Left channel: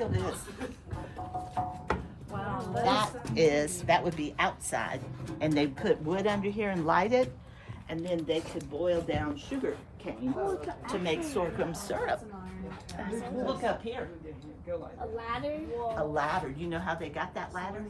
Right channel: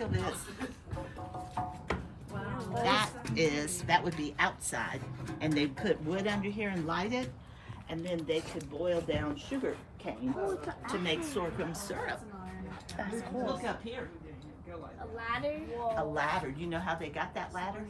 feel this. That would be outside, and they'd put wood under here and light it, and then they could boil down sugar cane to make sorghum syrup. Look up here. A ladder? A ladder. You know how they got that ladder?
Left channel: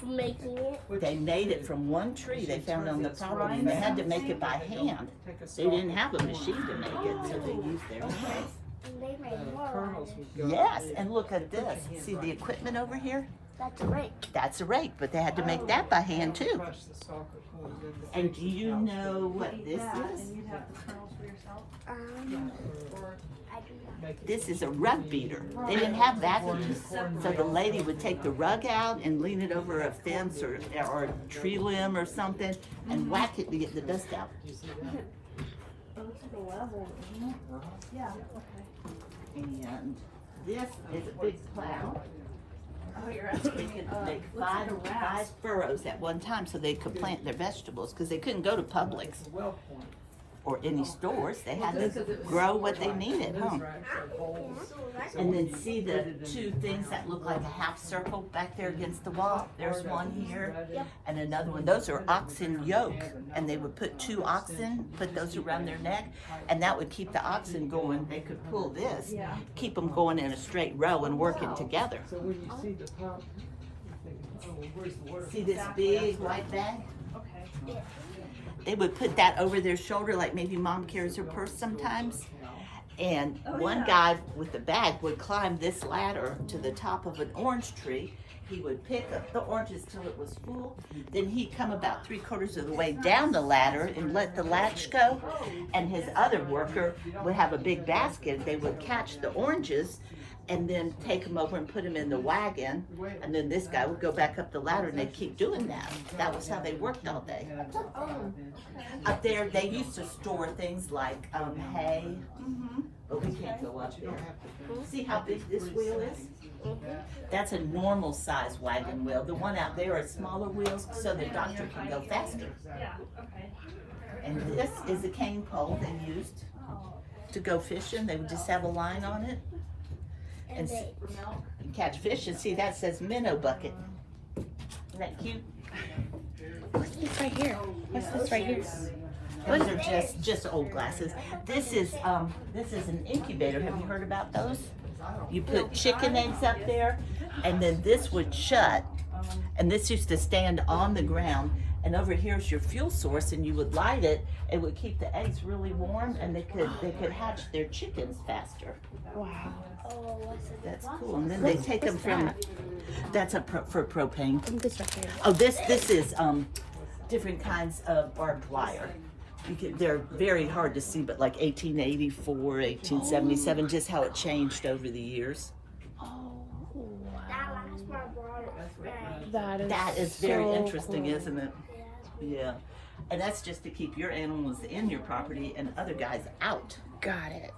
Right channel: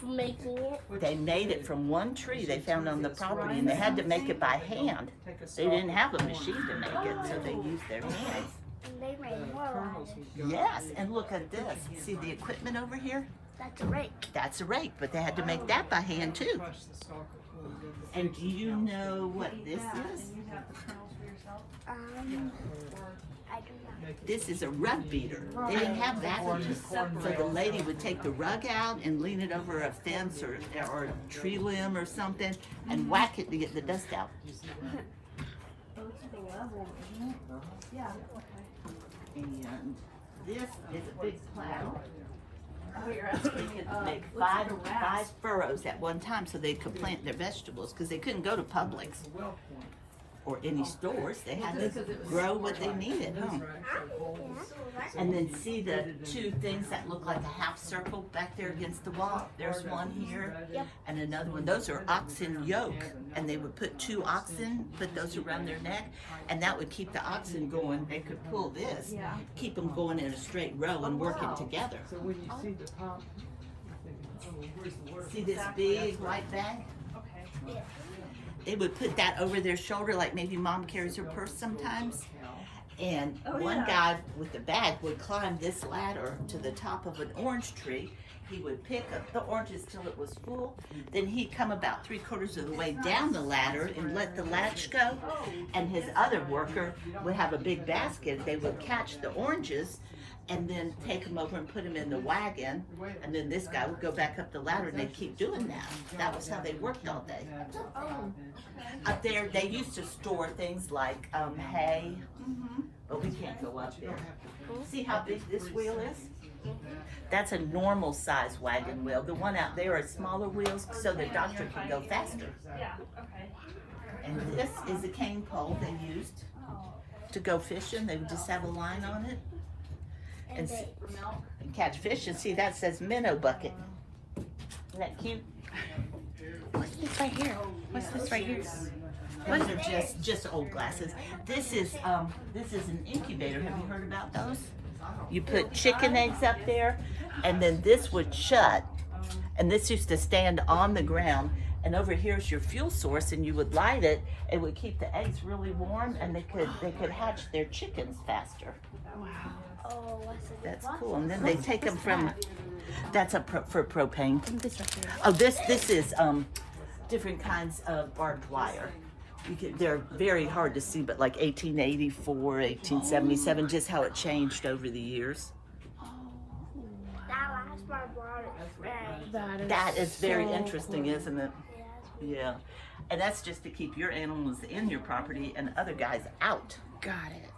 From making it? They made it from one tree they found on the property, and they had to make it by hand. They didn't have a machine to make it, so they used their hands. And they made more ladders. Yes, and look at this. See the equipment over here? That's a rake. That's a rake, but they had to make that by hand too. And do you know what this is? I do not. This is a rug beater. They didn't have vacuums, so the lady would take the rug out and lean it over a fence or a tree limb or something and whack it to get the dust out. And this is a big plow. They could make five furrows at one time so they could plant their vegetables because they couldn't go to Publix or any stores. They had to grow what they needed, huh? And then see the two things that look like a half circle back there against the wall? There's one here and another one. Those are oxen yoke, and they would put two oxen, put those around their neck, and that would keep the oxen going. They could pull this, keep them going in a straight row and working together. So when you see the pump, See this big white bag? They would put that over their shoulder like maybe mom carries her purse sometimes. And one guy with the bag would climb this ladder to the top of an orange tree. He would pick up the oranges till it was full. Then he'd come about 3/4 of the way down the ladder and let the latch go. And his other worker would have a big basket. They would catch the oranges and then take them over and put them in the wagon. And then this guy would go back up the ladder and they'd keep doing that. That was how they worked all day. Up there, they used to store things like hay, but we can't go up there. See how big this wheel is? That's a normal size wagon wheel. The one out there are smaller wheels so the doctor can go faster. And this is a cane pole they used to go fishing. They would just have a line on it and catch fish. And see, that says minnow bucket. Isn't that cute? What's this right here? What's this right here? Those are just old glasses. This is an incubator. Have you heard about those? You put chicken eggs up there, and then this would shut, and this used to stand on the ground, and over here's your fuel source, and you would light it. It would keep the eggs really warm, and they could hatch their chickens faster. Wow. Oh, That's cool. And then they take them from. That's for propane. and this right here. Oh, this is different kinds of barbed wire. They're very hard to see, but like 1884, 1877, just how it changed over the years. That last part brought it. That is Very so interesting, cool. isn't it? Yeah. And that's just to keep your animals in your property and other guys out. Got it.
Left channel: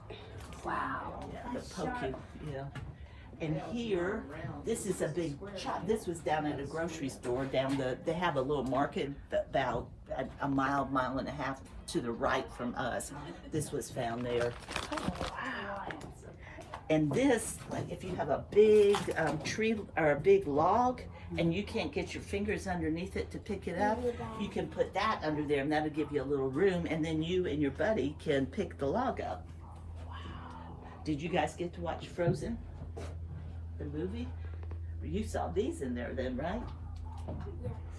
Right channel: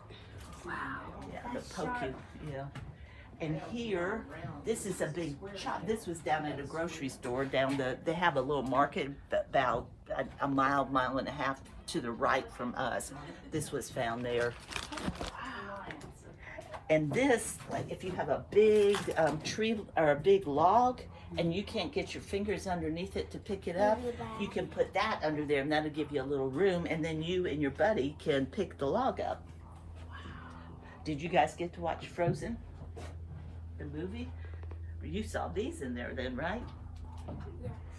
Wow. Yeah, the poke you, yeah. And here, this is a big shop. This was down at a grocery store they have a little market about a mile and a half to the right from us. This was found there. And this, like if you have a big tree or a big log and you can't get your fingers underneath it to pick it up, you can put that under there and that'll give you a little room, and then you and your buddy can pick the log up. Wow. Did you guys get to watch Frozen? The movie? You saw these in there then, right?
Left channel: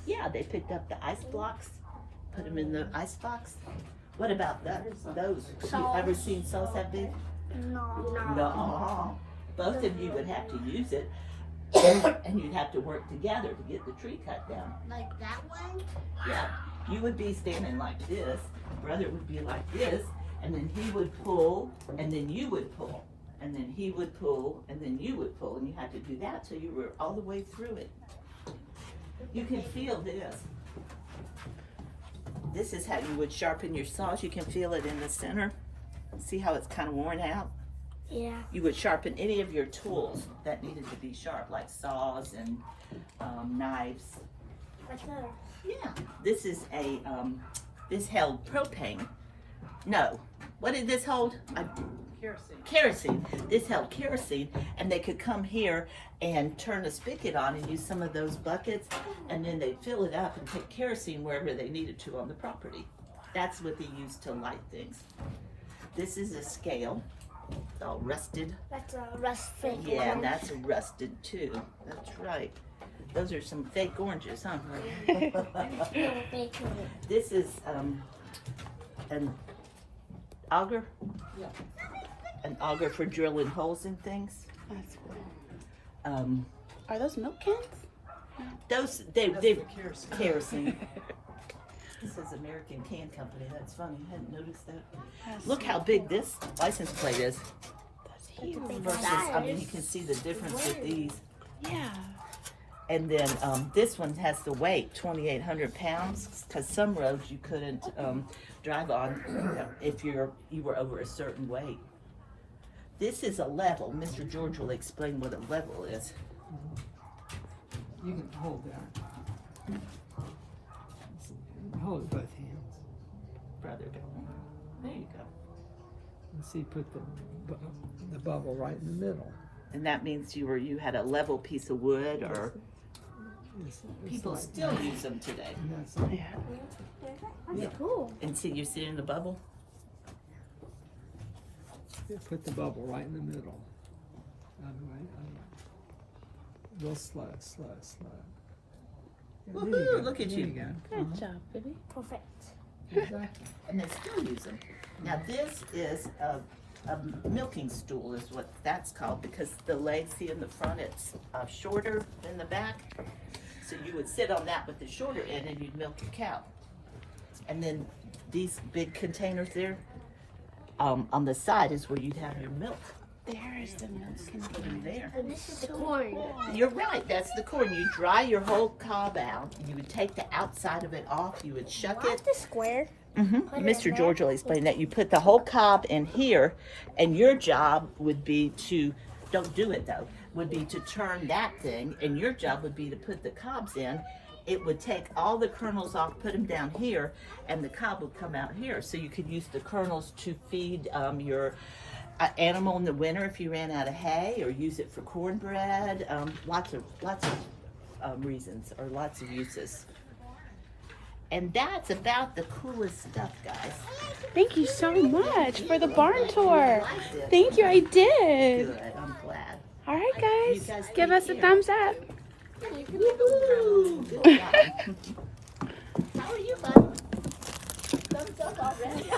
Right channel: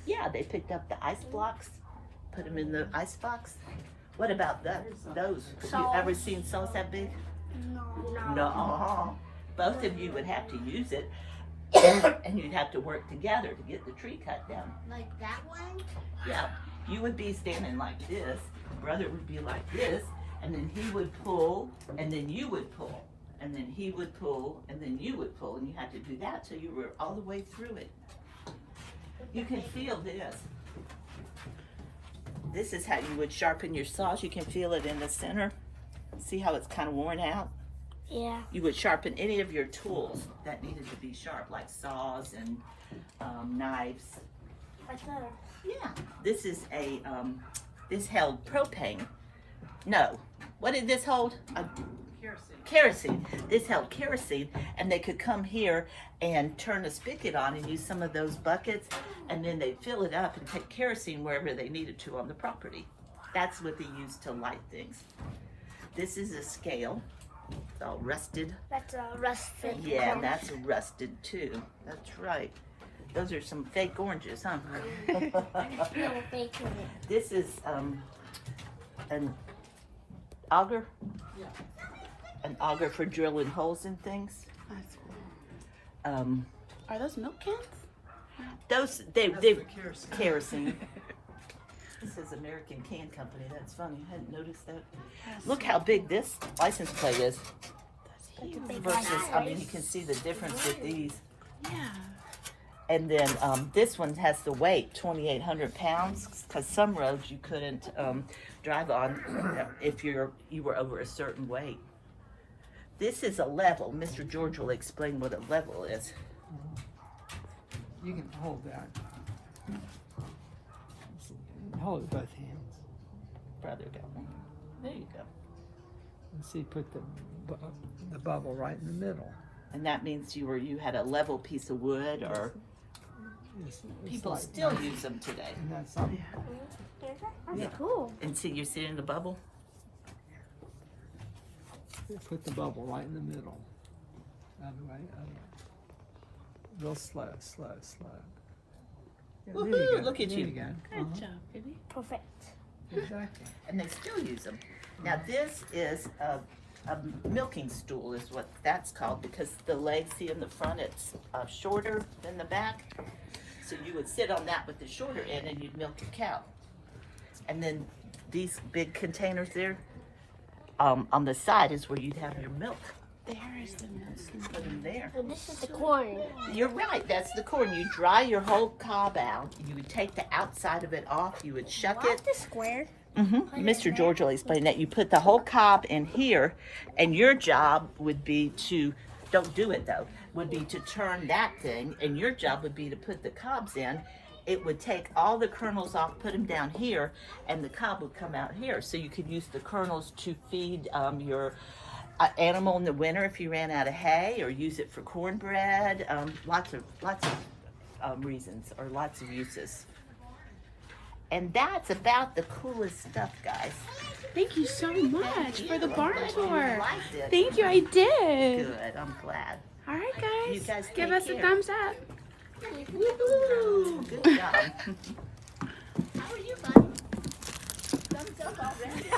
Yeah, they picked up the ice blocks, put them in the ice box. What about those? Have you ever seen saws that big? No. No. Both of you would have to use it, and you'd have to work together to get the tree cut down. Like that one? Yeah, you would be standing like this, brother would be like this, and then he would pull, and then you would pull. And then he would pull, and then you would pull, and you had to do that till you were all the way through it. You can feel this. This is how you would sharpen your saws. You can feel it in the center. See how it's kind of worn out? Yeah. You would sharpen any of your tools that needed to be sharp, like saws and knives. Like that. Yeah. This is this held propane. No. What did this hold? kerosene. This held kerosene, and they could come here and turn a spigot on and use some of those buckets, and then they'd fill it up and take kerosene wherever they needed to on the property. That's what they used to light things. This is a scale. It's all rusted. That's a rusted. Yeah, and that's rusted too. That's right. Those are some fake oranges, huh? This is an auger. An auger for drilling holes in things. That's cool. Are those milk cans? Those they kerosene. This is American Can Company. That's funny. I hadn't noticed that. Look how big this license plate is. That's huge. Versus, I mean, you can see the difference with these. Yeah. And then this one has the weight, 2,800 pounds, because some roads you couldn't drive on if you were over a certain weight. This is a level. Mr. George will explain what a level is. You can hold that. Hold it both hands. Brother, go. There you go. And see, put the bubble right in the middle. And that means you had a level piece of wood, or people like still use them today. And that's all. Yeah. That's cool. And see, you see it in the bubble? Yeah, put the bubble right in the middle. Other way, other way. Real slow, slow, slow. Yeah, there you Woohoo, go, look at there you. go. Good job, baby. Perfect. Exactly. And they still use them. Now this is a milking stool is what that's called, because the legs, see in the front, it's shorter than the back. So you would sit on that with the shorter end and you'd milk a cow. And then these big containers there, on the side is where you'd have your milk. There's the milk Put them there. And this is the corn. You're right, that's the corn. You dry your whole cob out. You would take the outside of it off. You would shuck it. What? The square? Mr. George will explain that. You put the whole cob in here, and your job would be to, don't do it though, would be to turn that thing, and your job would be to put the cobs in. It would take all the kernels off, put them down here, and the cob would come out here. So you could use the kernels to feed your animal in the winter if you ran out of hay, or use it for cornbread. Lots of reasons, or lots of uses. And that's about the coolest stuff, guys. Thank you so much for the barn tour. liked it. Thank you, I did. Good, I'm glad. All right, You guys, guys give take us a care. thumbs up. Woohoo! Good job. How are you, buddy? Thumbs up already.